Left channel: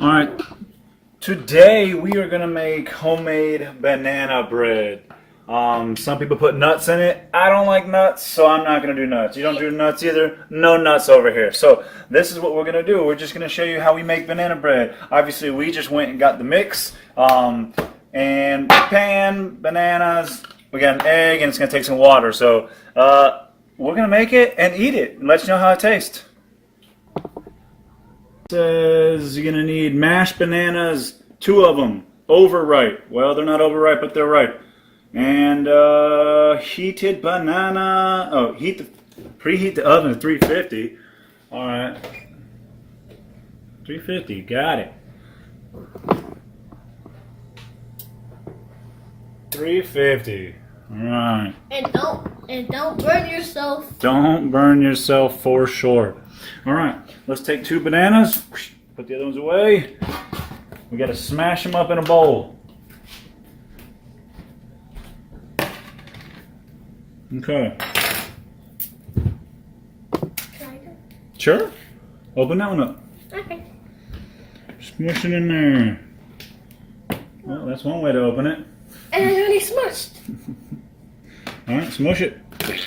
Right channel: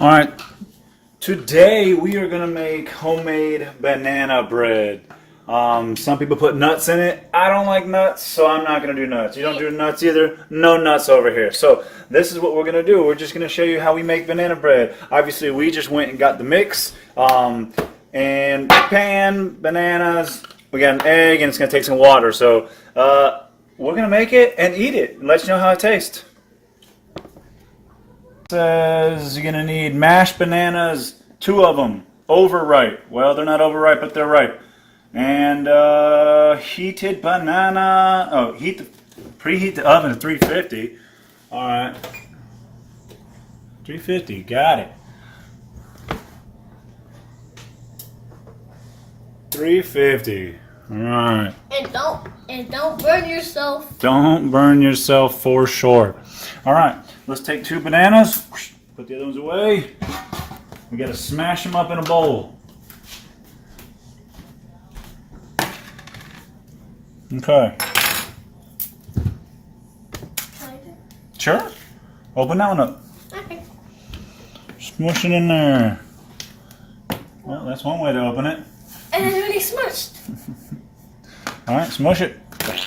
All right, today we are gonna make homemade banana bread. Some people put nuts in it. I don't like nuts, so I'm not gonna do nuts. You don't do nuts either? No nuts over here. So this is what we're gonna do. We're just gonna show you how we make banana bread. Obviously, we just went and got the mix, and pan, bananas. We got an egg, and it's gonna take some water. So we're gonna make it and eat it, and let you know how it tastes. Says you're gonna need mashed bananas, 2 of them, overripe. Well, they're not overripe, but they're ripe. And heated banana. Oh, preheat the oven at 350. All right, 350. Got it. 350. All right. And don't burn yourself. Don't burn yourself for sure. All right, let's take 2 bananas. Put the other ones away. We got to smash them up in a bowl. Okay. Sure. Open that one up. Okay. Smush it in there. Well, that's one way to open it. And it's really smushed. All right, smush it.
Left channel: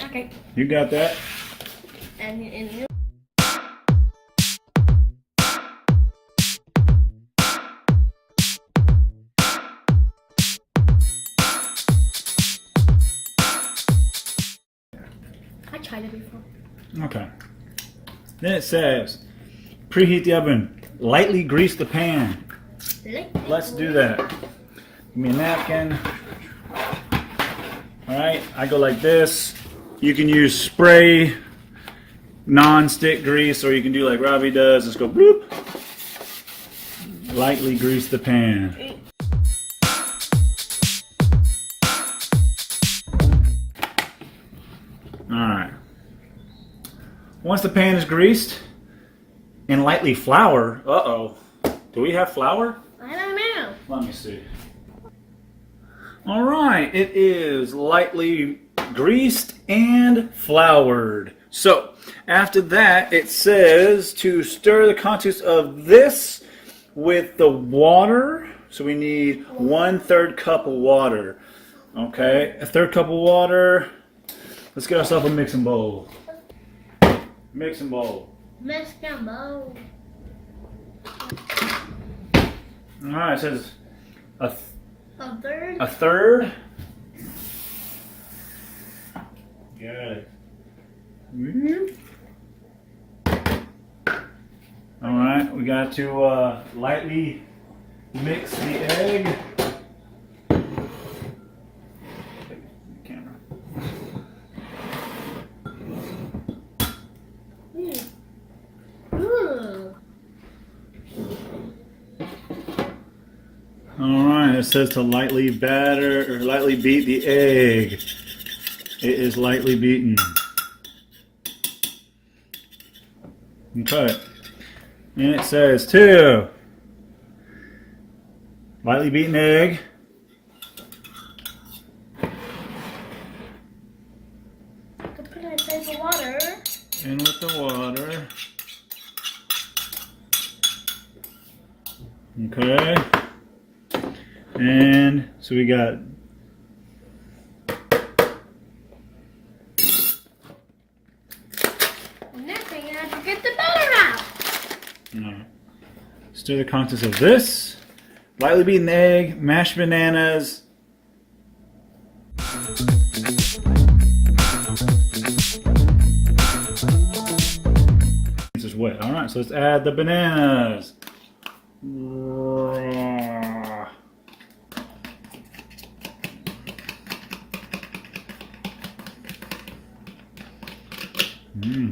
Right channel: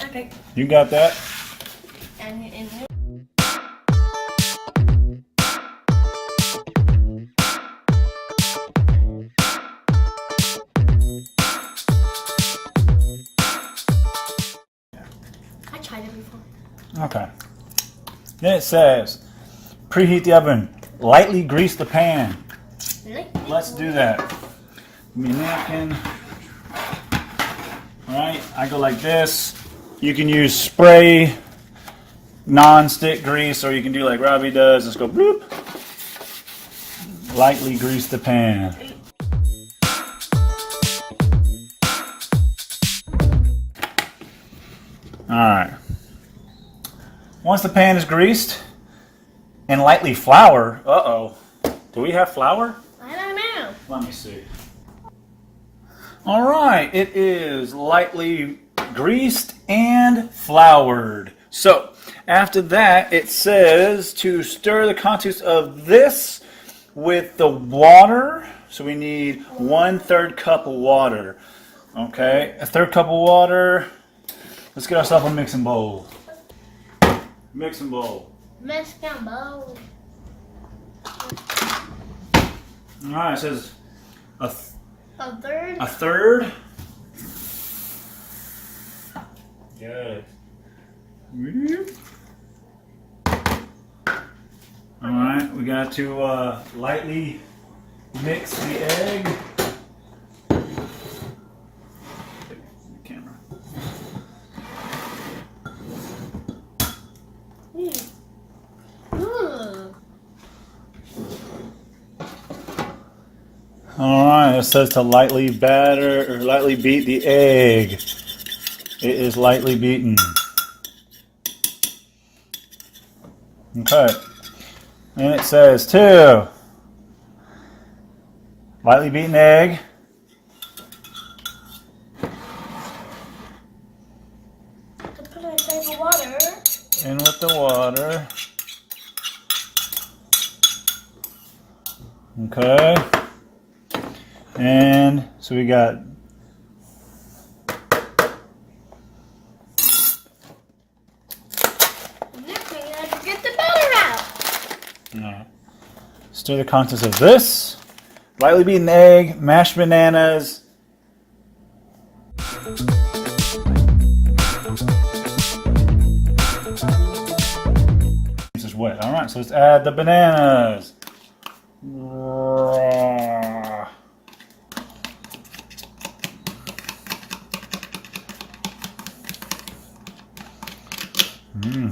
Okay. You got that. And I tried it before. Okay. Then it says, preheat the oven. Lightly grease the pan. Let's do that. Give me a napkin. All right, I go like this. You can use spray, non-stick grease, or you can do like Robbie does. Just go bloop. Lightly grease the pan. All right. Once the pan is greased and lightly floured, do we have flour? I don't know. Let me see. All right, it is lightly greased and floured. So after that, it says to stir the contents of this with the water. So we need 1/3 cup of water. Okay, a 1/3 cup of water. Let's get ourselves a mixing bowl. Mixing bowl. Mexican bowl. All right, it says a third. 1/3. Got it. All right, we got to lightly mix the egg. Camera. All right, it says to lightly batter or lightly beat the egg. It is lightly beaten. Okay. And it says to lightly beaten egg. To put it inside the water. In with the water. Okay. And so we got Next we have to get the batter out. stir the contents of this. Lightly beaten egg, mashed bananas. This is wet. All right, so let's add the bananas.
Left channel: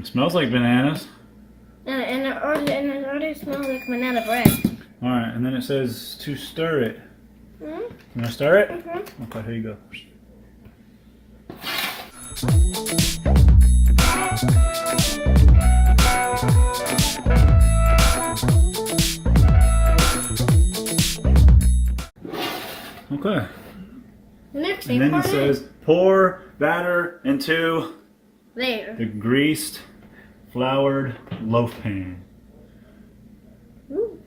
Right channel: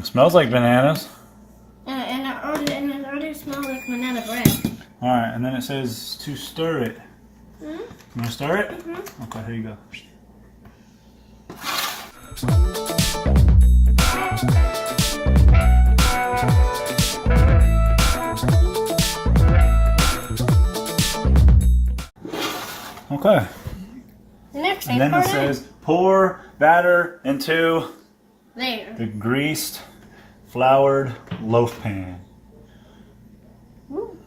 Smells like bananas. And it already smells like banana bread. All right, and then it says to stir it. Mm-hmm. You want to stir it? Mm-hmm. Okay, here you go. Okay. Next And then it says pour batter into there. the greased, floured loaf pan. Ooh.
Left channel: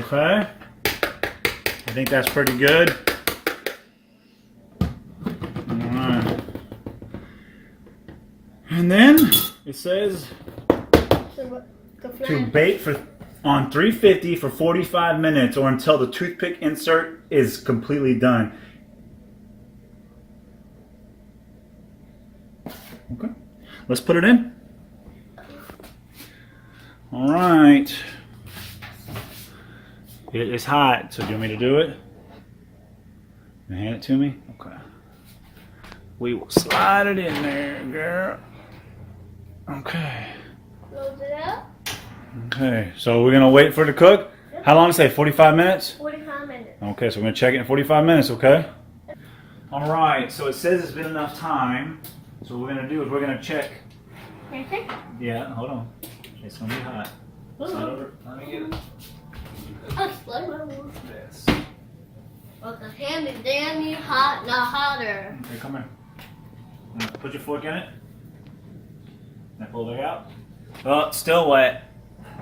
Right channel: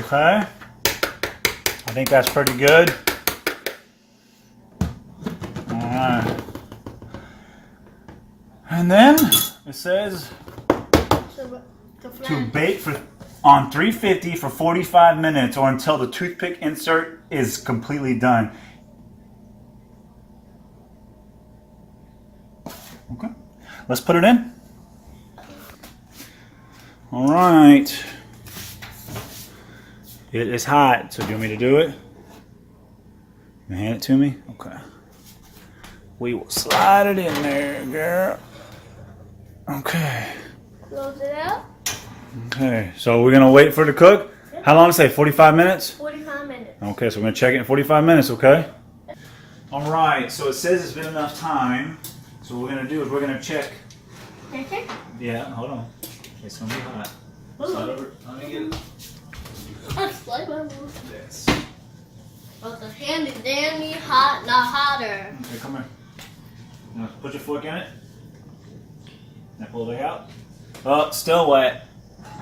Okay. I think that's pretty good. Alright. And then it says to bake on 350 for 45 minutes or until the toothpick insert is completely done. Okay. Let's put it in. Alright. It is hot, so do you want me to do it? You hand it to me? Okay. We will slide it in there, girl. Okay. Close it up. Okay, so we're gonna wait for it to cook. How long did it say? 45 minutes? 45 minutes. Okay, so we're gonna check it in 45 minutes, okay? All right, so it says it's been enough time. So what we're gonna do is we're gonna check. Perfect. Yeah, hold on. It's gonna be hot. Slide over. Let me get it. This. But the hand is damn hot, not hotter. Okay, come here. Now put your fork in it. Now pull it back out. Oh, still wet.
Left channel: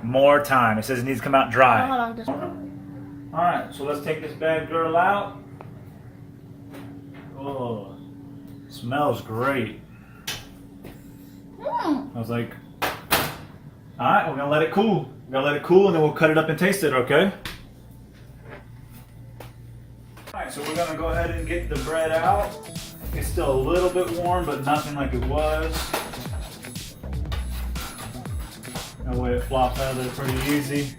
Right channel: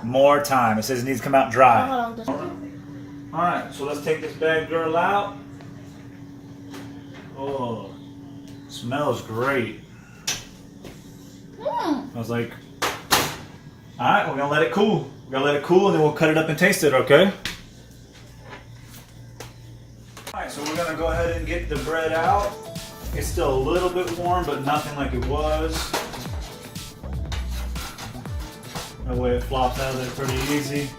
More time. It says it needs to come out dry. Hold on, just one. Alright, so let's take this bad girl out. Oh, smells great. I was like, alright, we're gonna let it cool. We're gonna let it cool and then we'll cut it up and taste it, okay? Alright, so we're gonna go ahead and get the bread out. It's still a little bit warm, but nothing like it was. That way it flops out of there pretty easy.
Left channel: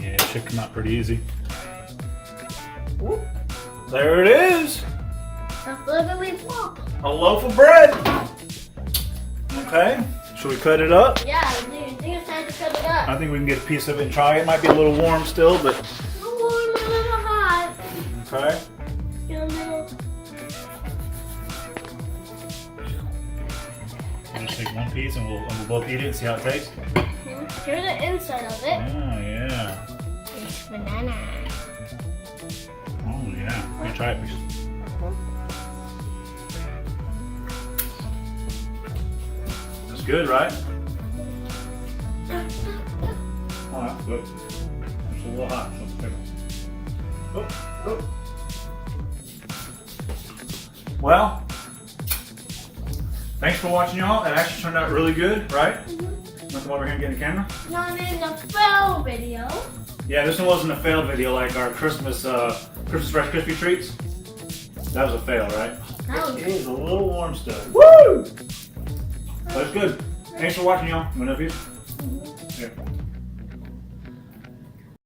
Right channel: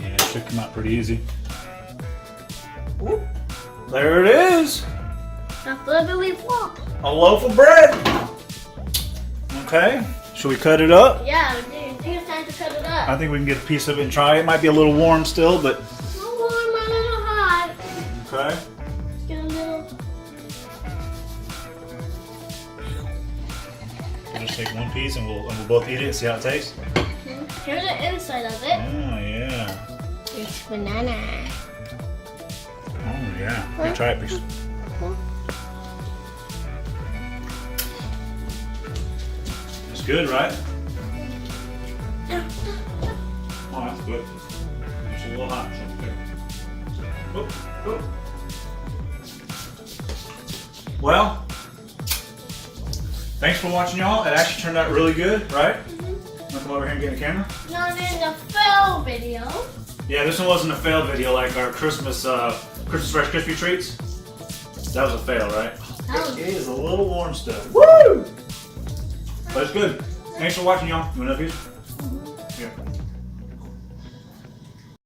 Yeah, it should come out pretty easy. Whoop. There it is. That's literally flop. A loaf of bread. Okay, should we cut it up? Yeah, I think it's time to cut it up. I think we can get a piece of it and try it. It might be a little warm still, but A little warm, a little hot. okay. Get a little. We'll just take one piece and we'll both eat it and see how it tastes. Here's the inside of it. Oh yeah. It's banana. Oh yeah. Here, try it, please. That's good, right? Oh, that's good. It's a little hot. So it's good. Oh, oh. Well, thanks for watching, y'all. It actually turned out really good, right? Wanna come over here and get in the camera? Not in the fail video. Yeah, this one wasn't a failed video like our Christmas Christmas Rice Krispie treats. That was a fail, right? It is a little warm stuff. Woo! But it's good. Thanks for watching, y'all. You want another piece? Here.